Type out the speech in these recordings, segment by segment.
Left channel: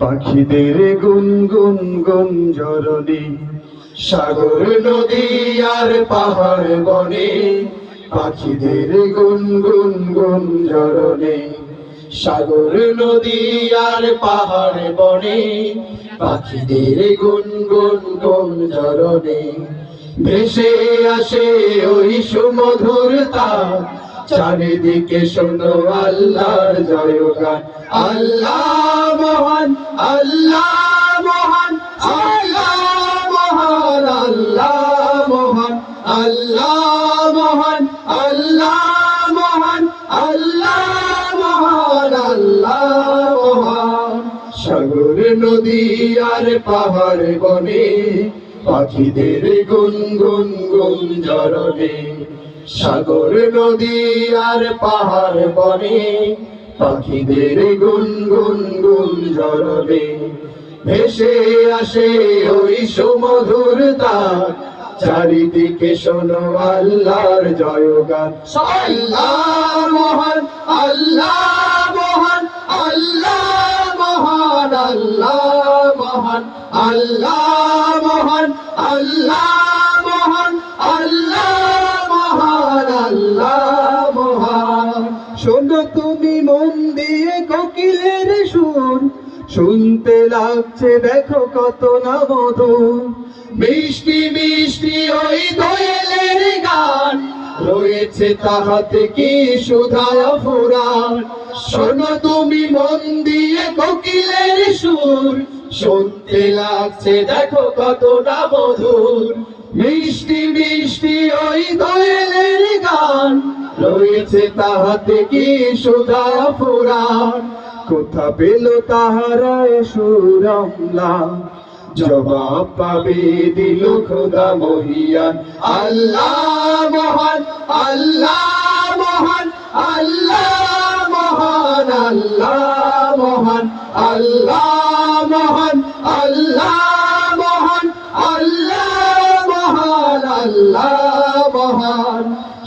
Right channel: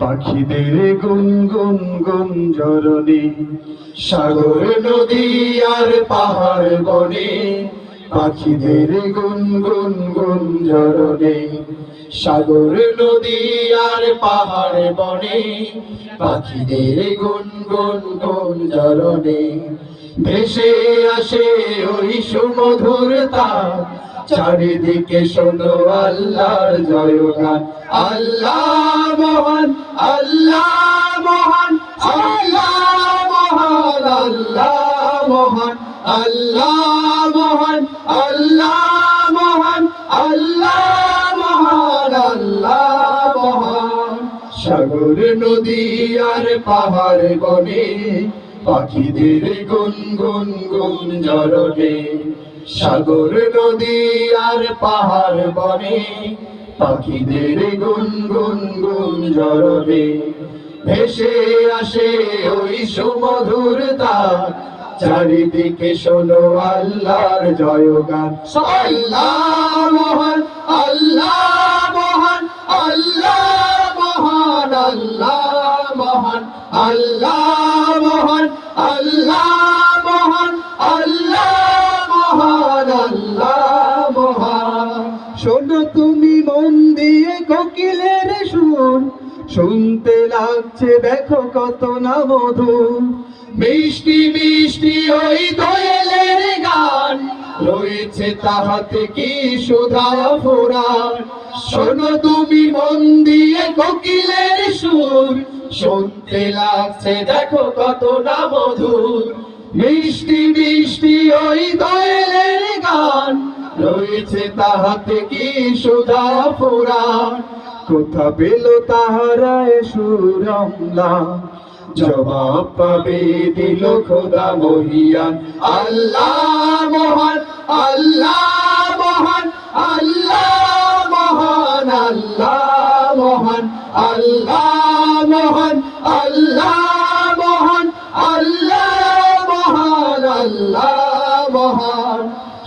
পাখিদের গুনগুন গুঞ্জরণে সাগর, নদী আর পাহাড় বনে, পাখিদের গুনগুন গুঞ্জরণে সাগর, নদী আর পাহাড় বনে, পাখিদের গুনগুন গুঞ্জরণে ভেসে আসে ওই সুমধুরতা চারিদিকে শোনো আল্লাহর জয়গান। আল্লাহ মহান আল্লাহ মহান আল্লাহ মহান আল্লাহ মহান আল্লাহ মহান আল্লাহ মহান আল্লাহ মহান আল্লাহ মহান। সাগর, নদী আর পাহাড় বনে, পাখিদের গুন গুন গুন জরনে সাগর, নদী আর পাহাড় বনে পাখিদের গুন গুন গুন জরনে ভেসে আসে ওই সুমধুর চারিদিকে শোনো আল্লাহর জয়গান। আল্লাহ মহান আল্লাহ মহান আল্লাহ মহান আল্লাহ মহান, আল্লাহ শোনো তুমি মন দিয়ে কোকিলের সুর শুনতে লাগছে, দেখো কত না মধুর। মিষ্টি মিষ্টি ওই দোয়েলের গান, রয়েছে তাহাতে কি সুধায় ফুরান শোনো তুমি মন দিয়ে কোকিলের সুর শুনতে লাগছে, দেখো কত না মধুর। মিষ্টি মিষ্টি ওই দোয়েলের রয়েছে তাহাতে কি সুধা ফুরান কোথা পেল তাহারা সুরমলা জবাব পাবে দিল খোদা মহিয়ান। আল্লাহ মহান আল্লাহ মহান আল্লাহ মহান আল্লাহ মহান, আল্লাহ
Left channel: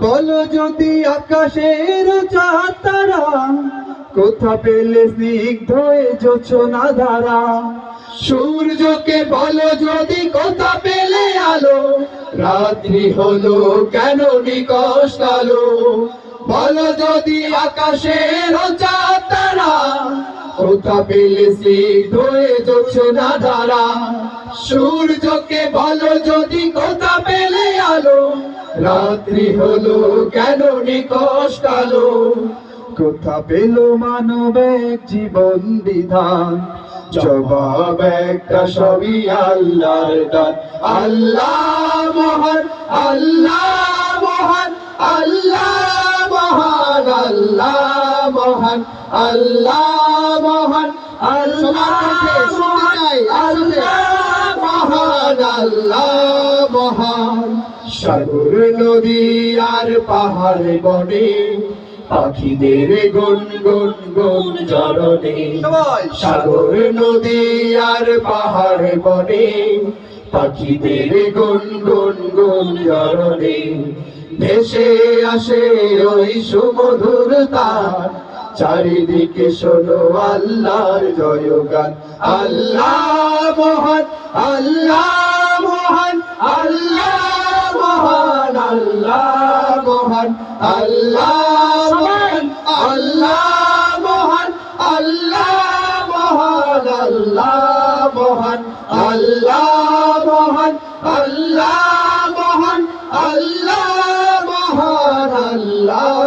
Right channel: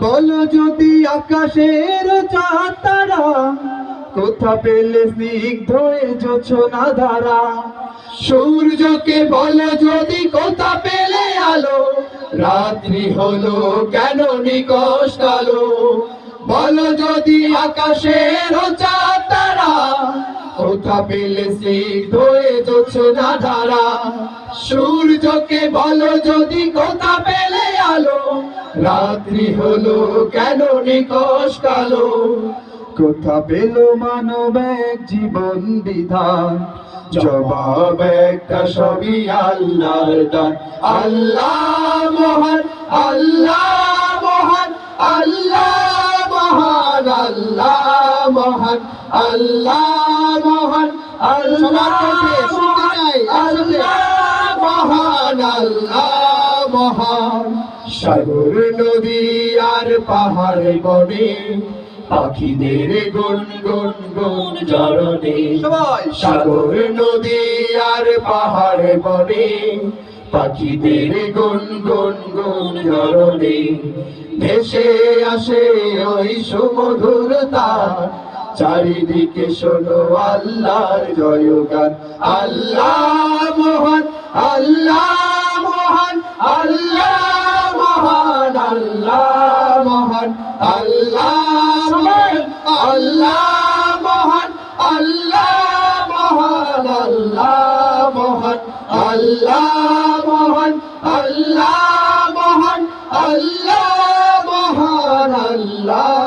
বলো যদি আকাশের চাঁদ তারা কোথা পেলে স্নিগ্ধ ধারা সূর্যকে বলো যদি কোথা পেলে আলো, রাত্রি হলো কেন নিকশ কালো বলো যদি আকাশের তারা সূর্যকে বলো যদি কোথা পেলে আলো। রাত্রি হলো কেন নিকশ কালো? কোথা পেল মানব এক জীবন বিধান। জবাব একটা সবই আল্লাহর দান। আল্লাহ মহান আল্লাহ মহান আল্লাহ মহান, আল্লাহ মহান আল্লাহ মহান আল্লাহ মহান আল্লাহ মহান আল্লাহ মহান। সাগর নদী আর পাহাড় বনে পাখিদের গুন গুন গুন জরনে সাগর নদী আর পাহাড় বনে পাখিদের গুন গুন গুন জরণে ভেসে আসে ওই সুমধুর তার। চারিদিকে শোনো আল্লাহর জয়গান। আল্লাহ মহান, আল্লাহ Allah